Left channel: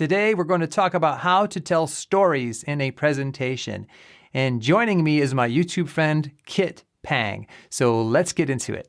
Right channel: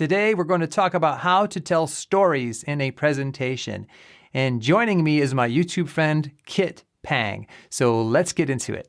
Today, we're going to talk about how to tell stories in a presentation. And joining me is my YouTube friend, Kit Pang. So let's get into it.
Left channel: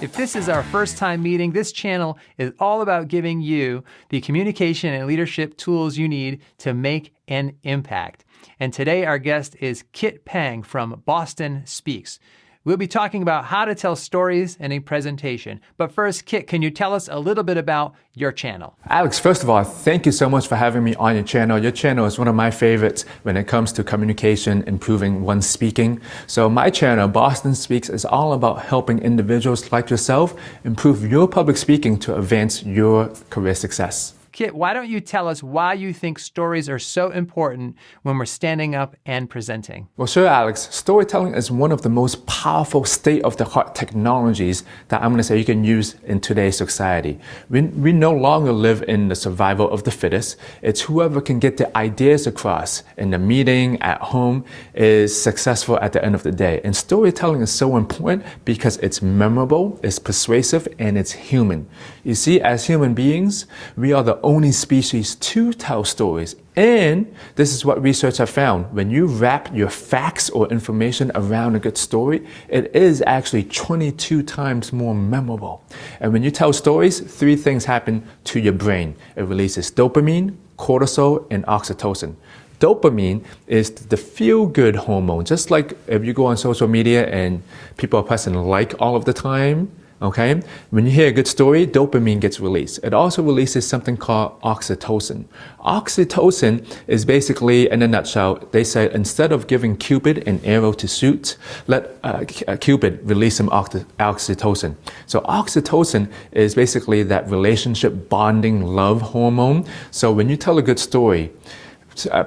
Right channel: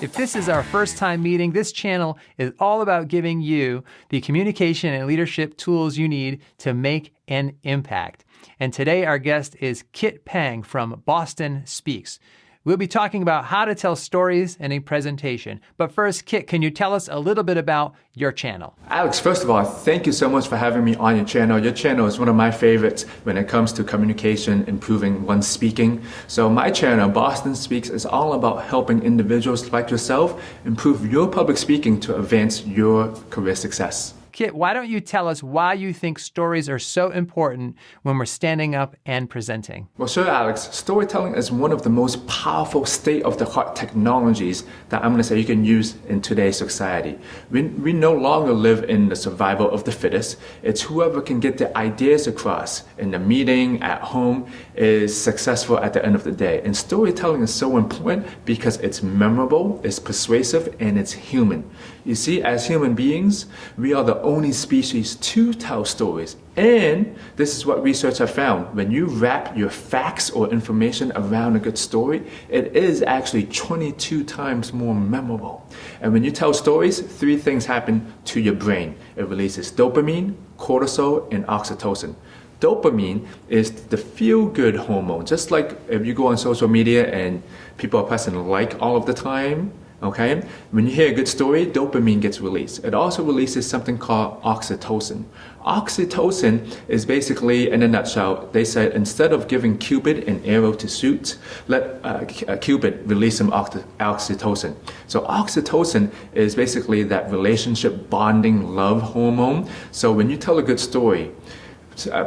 If this is our first time meeting, this channel is all about giving you the communication and leadership tools you need to make an impact. And today our guest is Kit Pang from Boston Speaks. We'll be talking about how to tell stories in a presentation. But first, Kit, can you tell us a little bit about your channel? Alex, first of all, thank you so much for having me on your channel. Your channel is one of my favorites when it comes to communication, improving one's speaking. So my channel, Boston Speaks, is all about helping individuals like yourself improve your public speaking to advance your career success. Kit, why don't you tell us why you think stories are so important when we're standing up and presenting? Well, sure, Alex. Storytelling is one of the most powerful state-of-the-art technologies that I'm going to say you can use in today's society. We no longer live in the survival of the fittest. It's whoever can get the ideas across in the meeting, at home, is successful at the end of the day. And storytelling is so important because it's memorable, it's persuasive, and it's human. You see, as human beings, we are the only species to tell stories. And this is what research have found. When you wrap your facts or information around a good story, it is actually 22 times more memorable. And when you tell stories, 3 things happen to your brain. It releases dopamine, cortisol, and oxytocin. Dopamine is the feel-good hormone. Just like if you go on social media and people are pressing like all of the time, okay? When you hear a good story, dopamine gets released. It also releases something called oxytocin. Oxytocin is basically, in a nutshell, they said instead of giving Cupid an arrow to shoot, let Cupid release some oxytocin. So oxytocin is basically that relationship bonding love hormone. So when you tell a good story,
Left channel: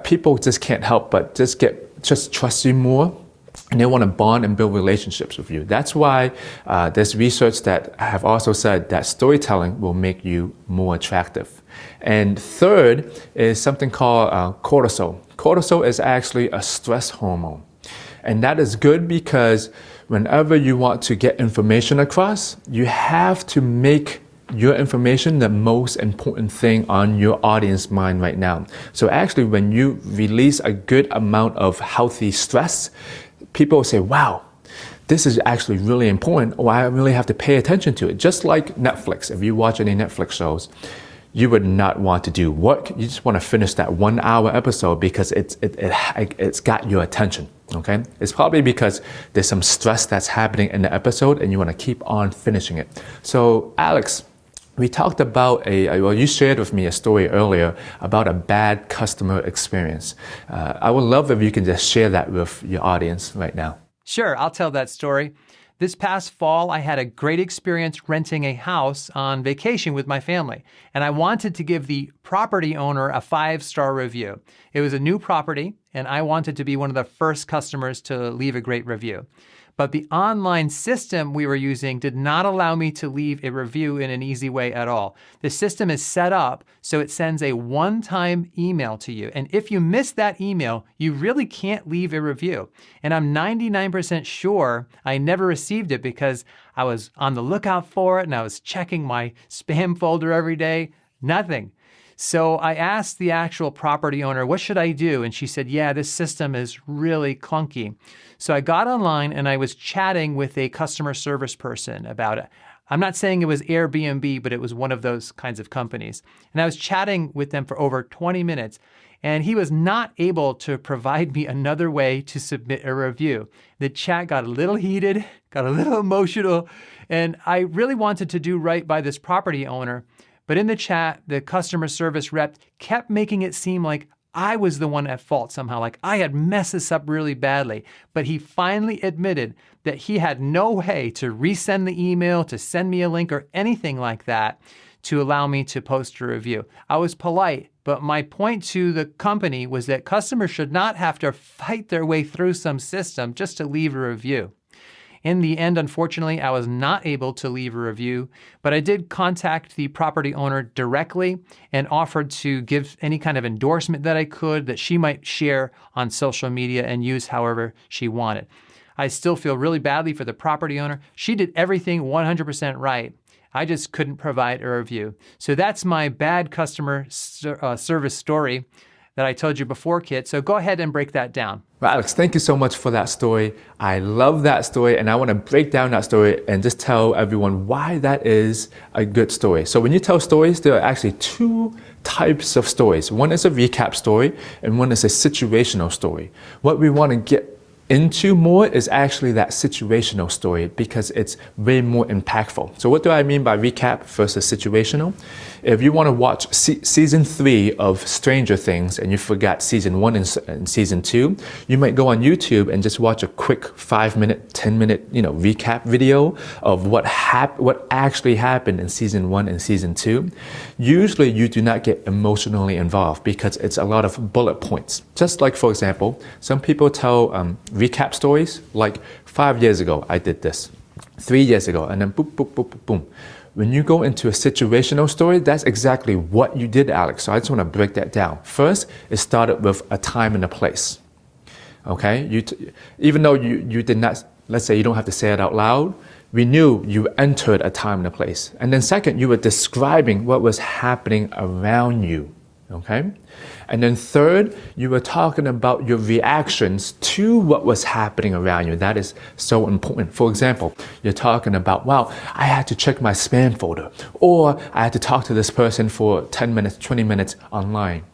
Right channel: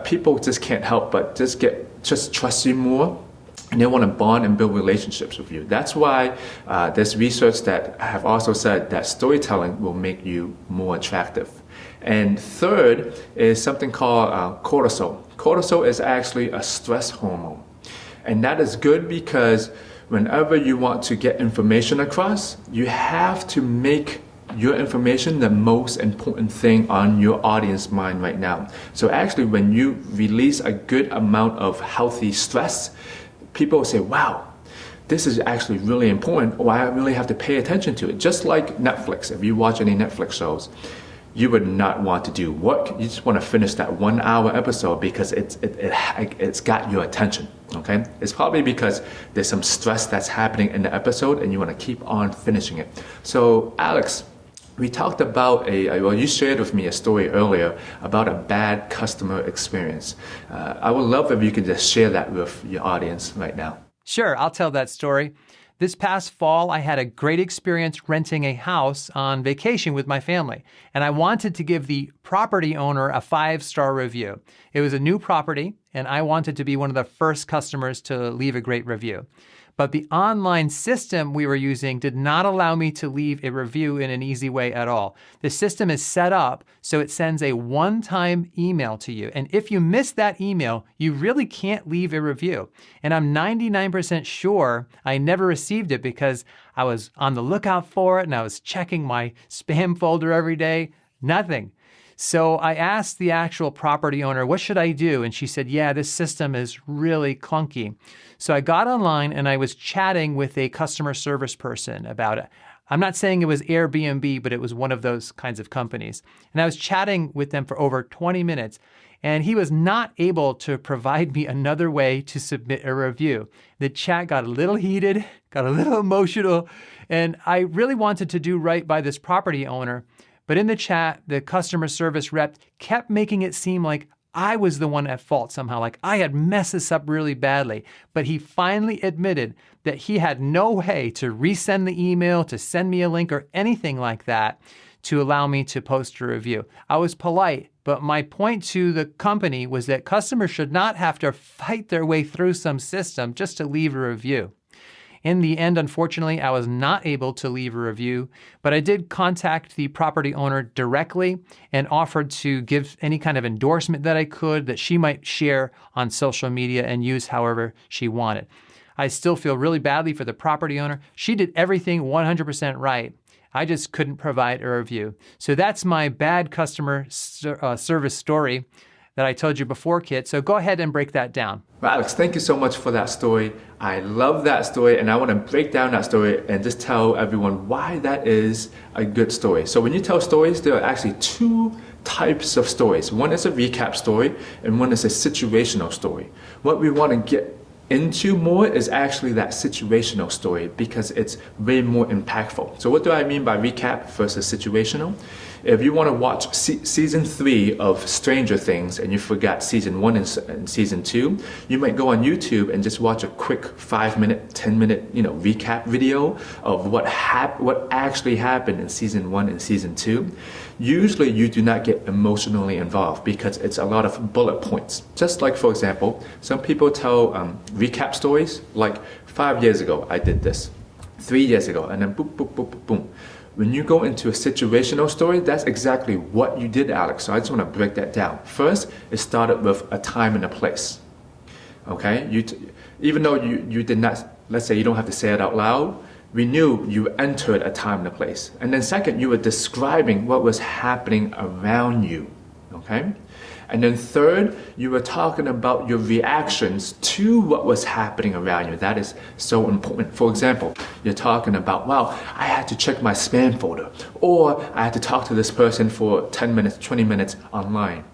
people just can't help but just trust you more. And they want to bond and build relationships with you. That's why there's research that have also said that storytelling will make you more attractive. And third is something called cortisol. Cortisol is actually a stress hormone. And that is good because whenever you want to get information across, you have to make your information the most important thing on your audience mind right now. So actually, when you release a good amount of healthy stress, people say, wow, this is actually really important, or I really have to pay attention to it. Just like Netflix, if you watch any Netflix shows, you would not want to do work. You just want to finish that 1-hour episode because it's got your attention, okay? It's probably because there's some stress that's happening in the episode and you want to keep on finishing it. So Alex, we talked about you shared with me a story earlier about a bad customer experience. I would love if you can just share that with your audience right now. Sure, I'll tell that story. This past fall, I had a great experience renting a house on vacation with my family, and I wanted to give the property owner a 5-star review. It was a new property, and I wanted to be one of the first customers to leave a great review. But the online system we were using did not allow me to leave a review in an easy way at all. The system is set up so it sends a one-time email to you. And if you miss that email, you really can't leave a review. And I'm 99% sure I never received it because I was on the lookout for it and I was checking my spam folder every day. Nothing. So I asked the actual property owner, what should I do? And she said, yeah, this system is really clunky. So I got online and I was chatting with a customer service person about it. I'm not saying it was Airbnb, but it was one of those kinds of companies. And I was chatting with them for over 20 minutes. And he was not able to provide me another way to submit a review. The chat got a little heated, got a little emotional, and I really wanted to do right by this property owner. But in the chat, the customer service rep kept making it seem like I was the one at fault somehow, like I had messed this up really badly. But he finally admitted that he had no way to resend the email, to send me a link or anything like that to allow me to post a review. I was polite, but my point to the company was that customers should not have to fight their way through some system just to leave a review. In the end, unfortunately, I was not able to leave a review, but I did contact the property owner directly and offered to give any kind of endorsement that I could that she might share on social media and use however she wanted. I still feel really badly for the property owner. She did everything 100% right. I just couldn't provide a review. So that's my bad customer service story that I told you before, Kit. So go ahead and break that down. Well, Alex, thank you so much for that story. I love that story, and I want to break down that story and just tell everyone why that is a good story. So when you tell stories, there are actually two types of stories. One is a recap story, and one is a situational story. What we want to get into more is actually that situational story because it's way more impactful. So what do I mean by recap versus situational? If you want to watch season 3 of Stranger Things and you forgot season 1 and season 2, you might go on YouTube and just watch a quick 5-minute, 10-minute, recap video of what actually happened in season 1 and season 2. Usually you do not get emotionally involved because it's a lot of bullet points. Just like, for example, some people tell recap stories like 5 years ago I did this, 3 years ago, and then boom, boom, boom, boom, boom. When you go into a situational story, that's exactly what you did, Alex. So I just want to break that down. First, it started with a time and a place. Okay? Even though you did not, let's say you don't have to say it out loud, we knew you entered a time and a place. And then second, you were describing what was happening around you. Okay? And then third, you were talking about your reactions to what was happening around you. That is so important. For example, you're talking about, wow, I had to check my spam folder, or I had to talk to this person for 10 minutes, 20 minutes online.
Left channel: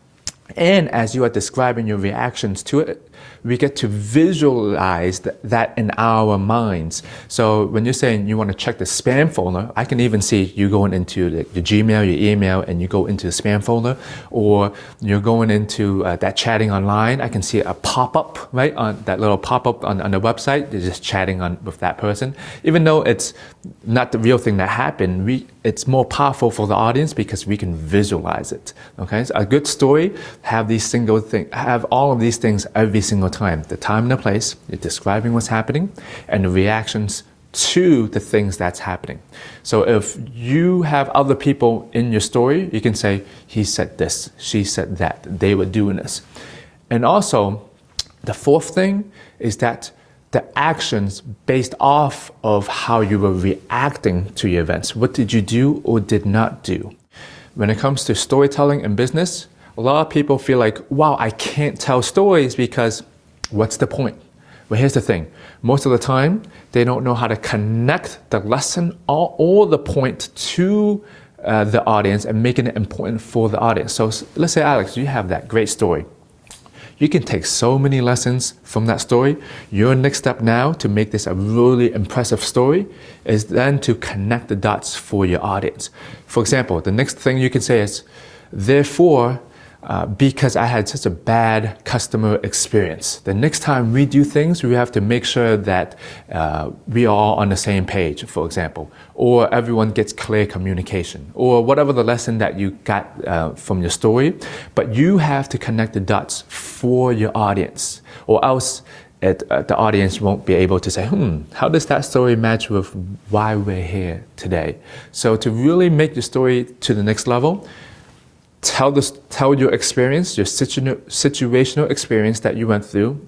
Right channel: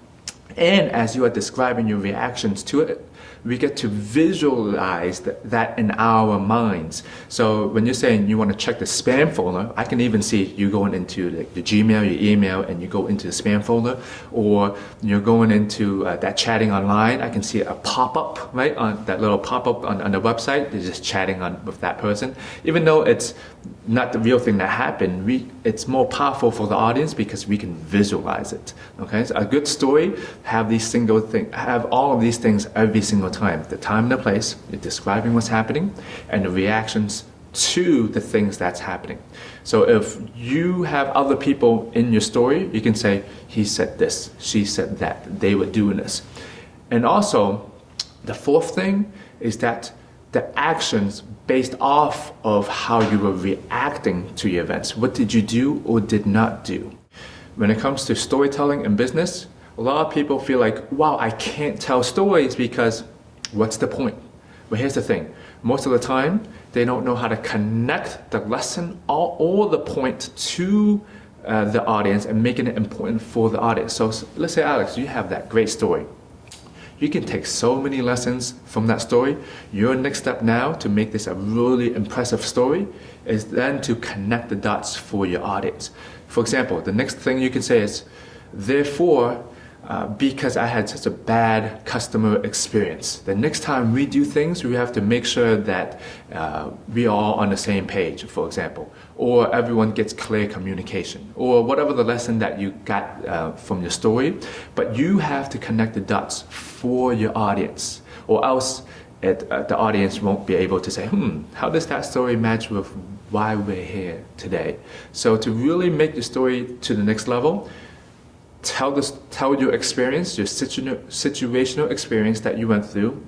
And as you are describing your reactions to it, we get to visualize that in our minds. So when you're saying you want to check the spam folder, I can even see you going into the Gmail, your email, and you go into the spam folder, or you're going into that chatting online. I can see a pop-up, right, on that little pop-up on the website. You're just chatting with that person. Even though it's not the real thing that happened, it's more powerful for the audience because we can visualize it. Okay, so a good story have all of these things every single time. The time and the place, you're describing what's happening, and the reactions to the things that's happening. So if you have other people in your story, you can say, he said this, she said that, they were doing this. And also, the fourth thing is that the actions based off of how you were reacting to your events. What did you do or did not do? When it comes to storytelling and business, a lot of people feel like, wow, I can't tell stories because what's the point? Well, here's the thing. Most of the time, they don't know how to connect the lesson or the point to the audience and making it important for the audience. So let's say, Alex, you have that great story. You can take so many lessons from that story. Your next step now to make this a really impressive story is then to connect the dots for your audience. For example, the next thing you could say is, therefore, because I had such a bad customer experience, the next time we do things, we have to make sure that we are all on the same page, for example, or everyone gets clear communication, or whatever the lesson that you got from your story. But you have to connect the dots for your audience, or else the audience won't be able to say, how does that story match with why we're here today? So to really make your story to the next level, tell your experience, your situational experience that you went through,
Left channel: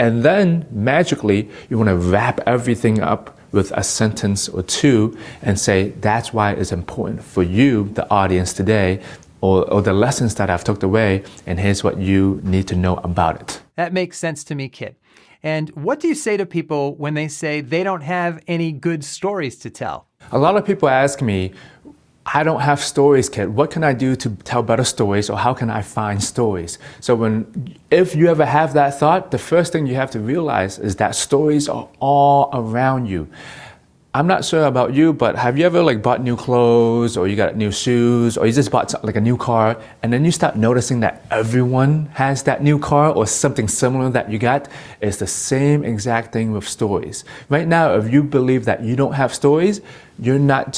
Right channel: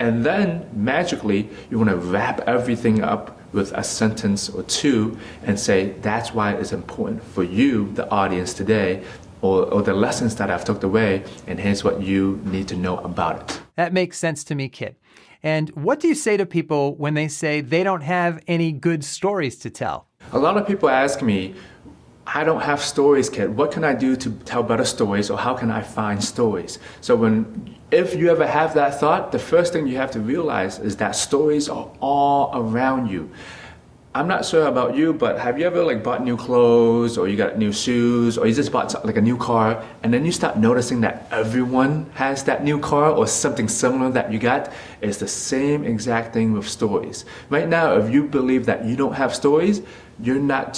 and then magically you want to wrap everything up with a sentence or two and say, that's why it's important for you, the audience today, or the lessons that I've took away, and here's what you need to know about it. That makes sense to me, Kit. And what do you say to people when they say they don't have any good stories to tell? A lot of people ask me, I don't have stories, Kit. What can I do to tell better stories, or how can I find stories? So if you ever have that thought, the first thing you have to realize is that stories are all around you. I'm not sure about you, but have you ever bought new clothes, or you got new shoes, or you just bought a new car, and then you start noticing that everyone has that new car or something similar that you got? It's the same exact thing with stories. Right now, if you believe that you don't have stories, you're not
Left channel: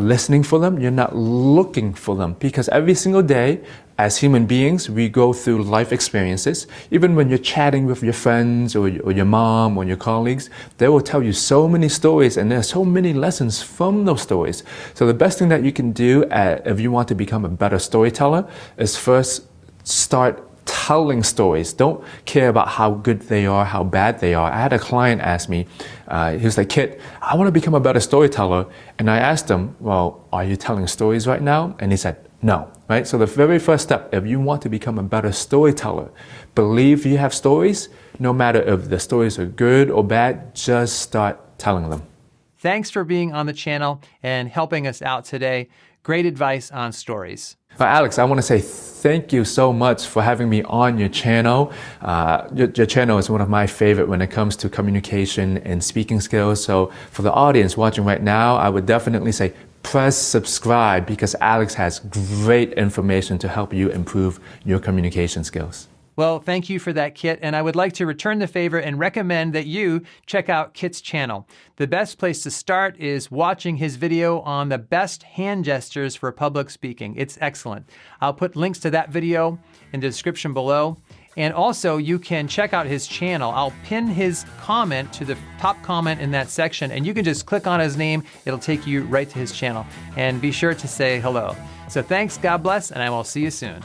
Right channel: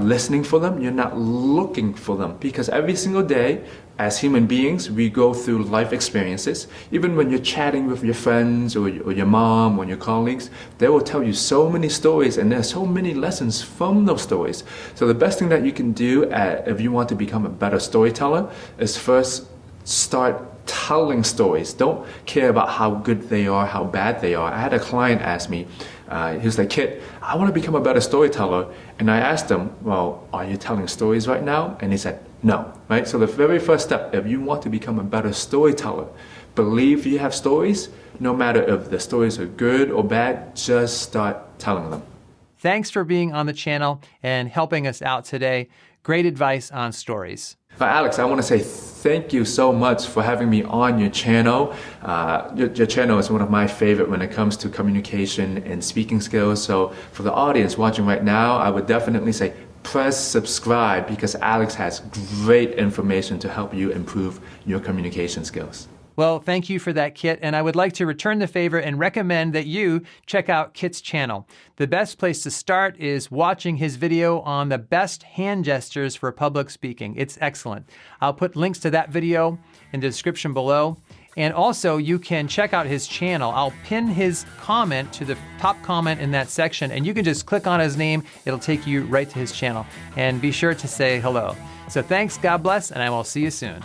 listening for them, you're not looking for them, because every single day, as human beings, we go through life experiences. Even when you're chatting with your friends or your mom or your colleagues, they will tell you so many stories, and there's so many lessons from those stories. So the best thing that you can do if you want to become a better storyteller is first start telling stories. Don't care about how good they are, how bad they are. I had a client ask me, he was like, Kit, I want to become a better storyteller. And I asked him, well, are you telling stories right now? And he said, no, right? So the very first step, if you want to become a better storyteller, believe you have stories, no matter if the stories are good or bad, just start telling them. Thanks for being on the channel and helping us out today. Great advice on stories. Alex, I want to say thank you so much for having me on your channel. Your channel is one of my favorite when it comes to communication and speaking skills. So for the audience watching right now, I would definitely say press subscribe because Alex has great information to help you improve your communication skills. Well, thank you for that, Kit, and I would like to return the favor and recommend that you check out Kit's channel. The best place to start is watching his video on the best hand gestures for public speaking. It's excellent. I'll put links to that video in the description below. And also, you can check out his channel. I'll pin his comment to the top comment in that section, and you can just click on his name. It'll take you right to his channel. And be sure to say hello. So thanks, God bless, and I will see you soon.